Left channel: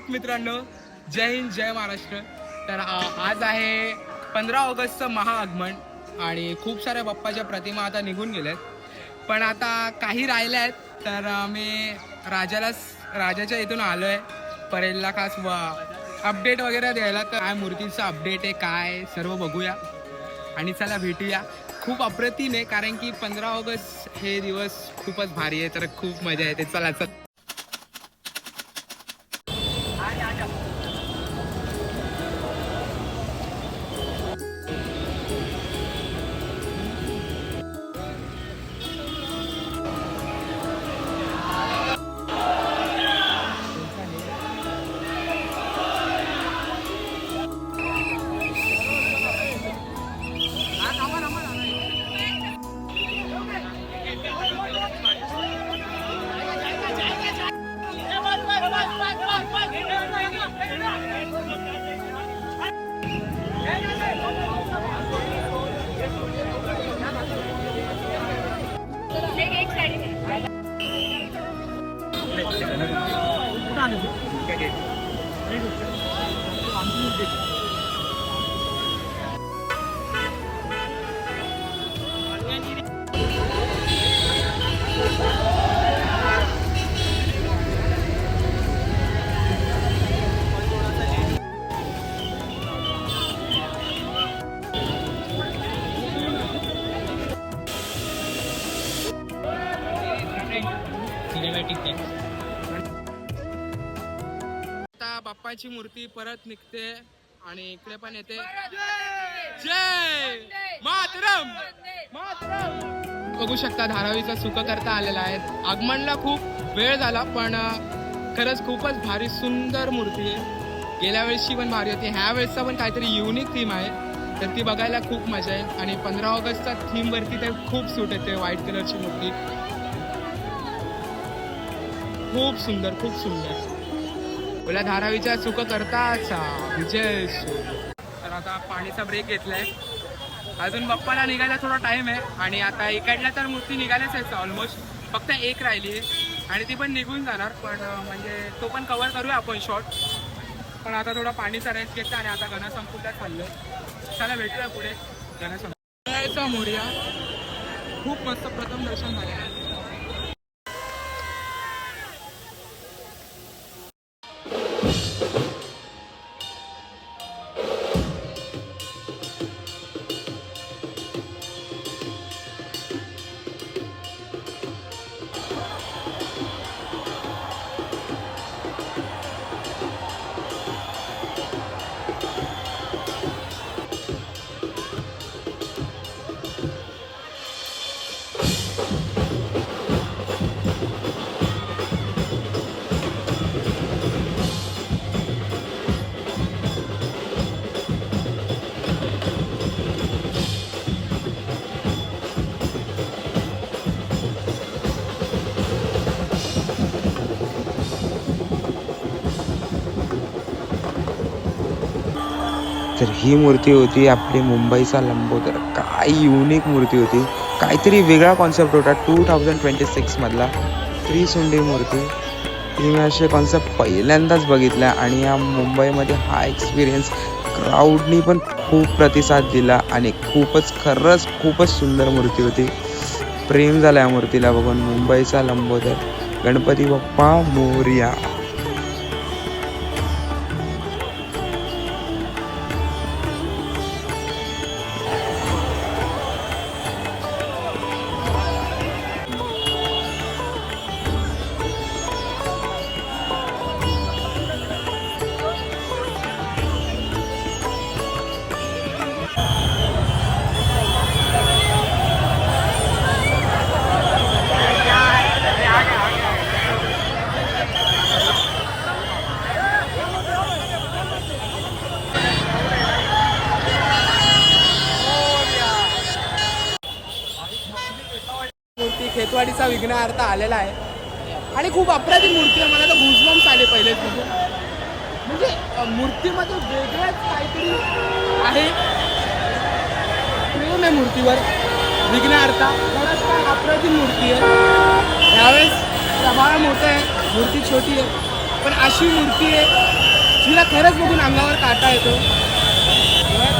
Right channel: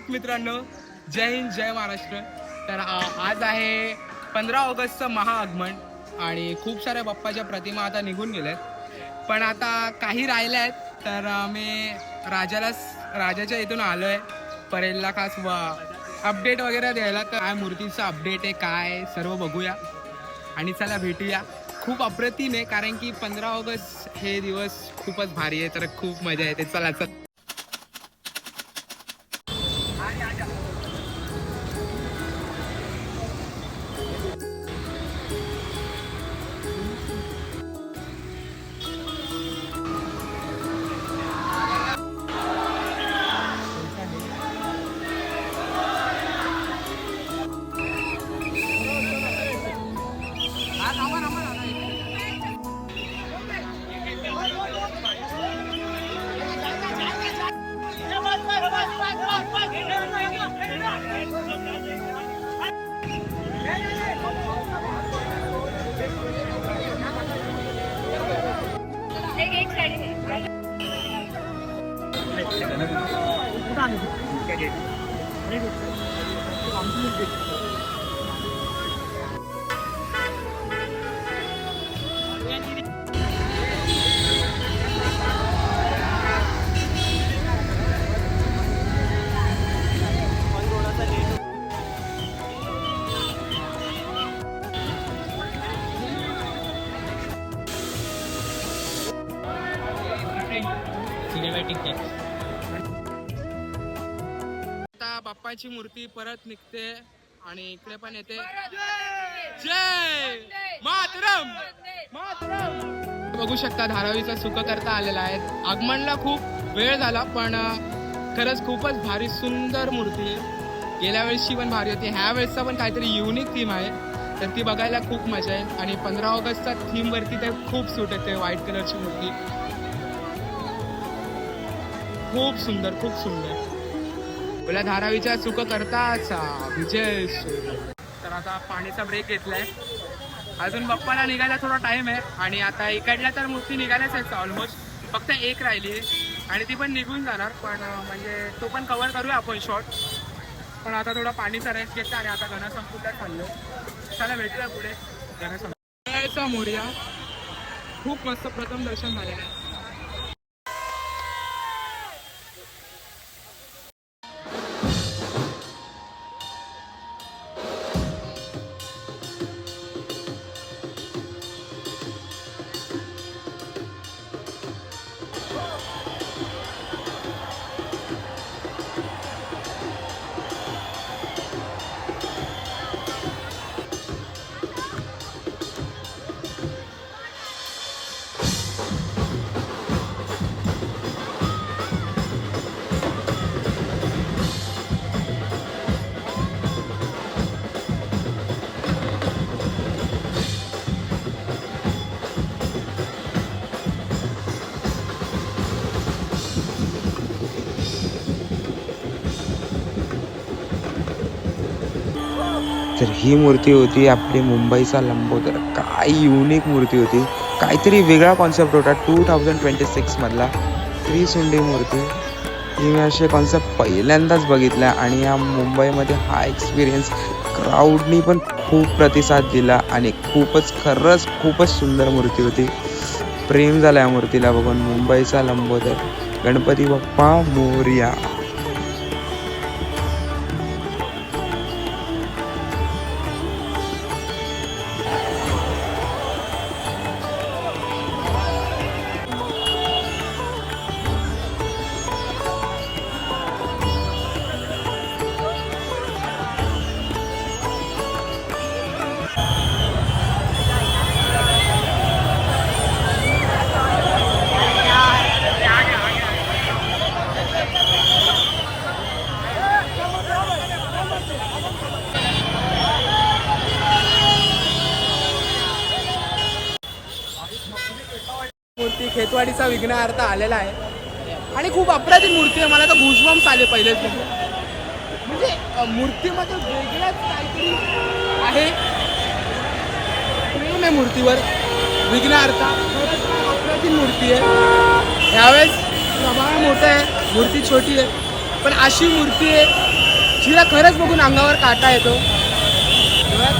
आहात मित्रांनो? जय हिंद, जय महाराष्ट्र. तर आज आहे 15 ऑगस्टचं महाआगमन आणि खूप साऱ्या बाप्पाच्या प्रतिमा आता निघून गेल्यात, पण आता काही राहिल्या आहेत. तर मी राजाच्या इथून आलोय परेलला खास अपडेट वगैरे द्यायला. तर काय मूर्तीचं अपडेट आहे काय सर्व बघूया आणि चला भेटूया. खूप अप्रतिम आहे कारण की 15 ऑगस्ट हे दिवस खूपच भारी आहे, तर खूप मजा येते. चला चल. आता बाप्पाची मूर्ती परत निघते आणि इकडे पण येते. जय मातरम. बघू शकता धारावीचा सुख करता आलेला आहे. आगमनला खूप वेळ झाला पण खरंच खूपच भारी सुंदर मूर्ती आहे. गेल्या वेळेसची पण भारी होती, ह्या वेळेसचा पण काहीतरी युनिक थीम आहे, तर ती बघायला खूप मजा आहे. आणि 15 ऑगस्टच्या थीम वरती ते खूप सूट येते. व्हाईट कलरची मूर्ती खूप सुंदर, खूप सुंदर. बोला धारावीच्या सुख करताचा विजय सूर्य. तर आता पाणीचा ब्रेक घेतलाय. अजून बाप्पाला निघायला थोडा टाइम आहे आणि आता इकडल्या तर मूर्ती निघाल्याच आहे ऑलमोस्ट. फक्त एक राहिली आहे आणि ती पण निघून जाणार, पण म्हणजे तो पण कव्हर करूया आपण शॉर्ट. पण आता थोडा पाणीचा रेस्ट घेतला आणि आता गणसंकुलला चाललोय. चला भेटूया पुढे. गणसंकुलचा मोरया खूप मस्त प्रथम दर्शन झालं. तर ही मूर्ती होती आपली मुंबईचा लंबोदर. काय युनिक मूर्ती होती, काहीतरी वेगळा कॉन्सेप्ट होता 2026 मधला. त्रिसुंडी मूर्ती ही मी असे कॉन्सेप्ट पहिल्यांदाच बघितला आणि या मुंबईमध्ये हा एक्सपिरियन्स क्राऊडनी पण खूप प्रतिसाद दिला आणि खरंच खूपच सुंदर मूर्ती होती. प्रेम झाला या मूर्तीला बघून. मुंबईचा लंबोदर गणपती बाप्पा मोरया. मूर्ती खेतवाडीचा विघ्नहर्ता आलेला आहे आणि खूप अप्रतिम मूर्ती आहे. मला तर गुजबम्स आले पहिलेच बघून. म्हणजे मूर्तीमध्ये वेगळंच काहीतरी आहे. प्रेम आहे मूर्तीवर. विघ्नहर्ता अप्रतिम मूर्ती आहे. ह्यावेळेस प्रमाण मोठं आहे, मूर्ती छोटी आहे पण अशी मूर्ती आहे जिला खरंच बघून अंगावर काटा येतो,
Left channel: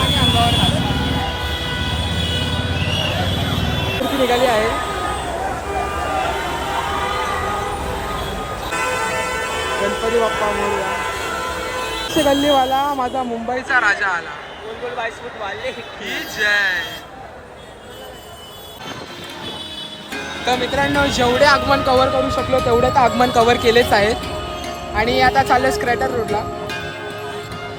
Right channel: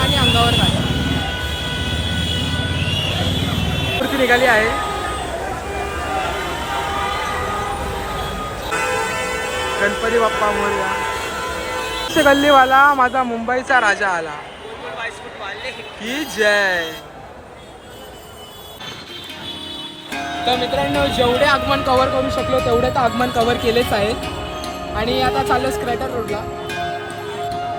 आणि अंगावर काटा. मूर्ती निघाली आहे. गणपती बाप्पा मोरया. गल्लीवाला माझा मुंबईचा राजा आला की जय. तर मित्रांनो, जेवढे आगमन कव्हर करू शकलो तेवढे तर आगमन कव्हर केलेच आहेत. आणि आता चाललोय स्क्रॅटर रोडला,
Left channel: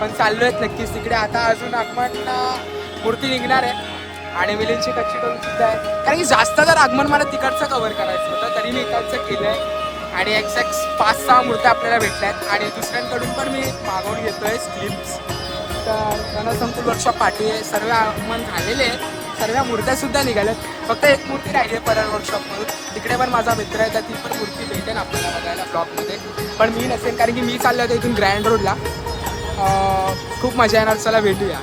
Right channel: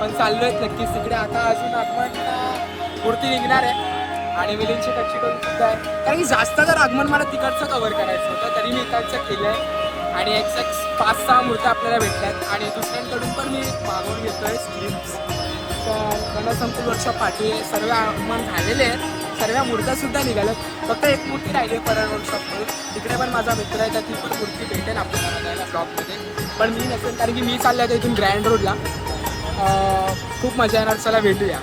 पण चाललोय नक्कीच तिकडे. आता अजून आगमन मूर्ती निघणार आहे आणि मिलिंदची टच्ची करून सुद्धा आहे, कारण की जास्त जर आगमन मला तिकडचं कव्हर करायचं होतं तरी मी इकडचं केलं आहे. आणि एक्झॅक्ट 5-6 मूर्त्या आपल्याला भेटल्यात आणि दुसऱ्यांकडून पण मी मागवून घेतोय क्लिप्स. तर गणसंकुल वर्कशॉप पाठवी आहे, सर्व आगमन झालेले आहेत, सर्व मूर्त्यासुद्धा निघाल्यात. फक्त एक मूर्ती राहिली आहे परळ वर्कशॉपमधून, तिकडे पण माझा मित्र आहे, तर ती पण मूर्ती भेटेल आपल्याला बघायला ब्लॉगमध्ये. पण मी नसेल, कारण की मी चाललो होतो इथून ग्रँड रोडला. खूप मजा येणार, चला भेटूया.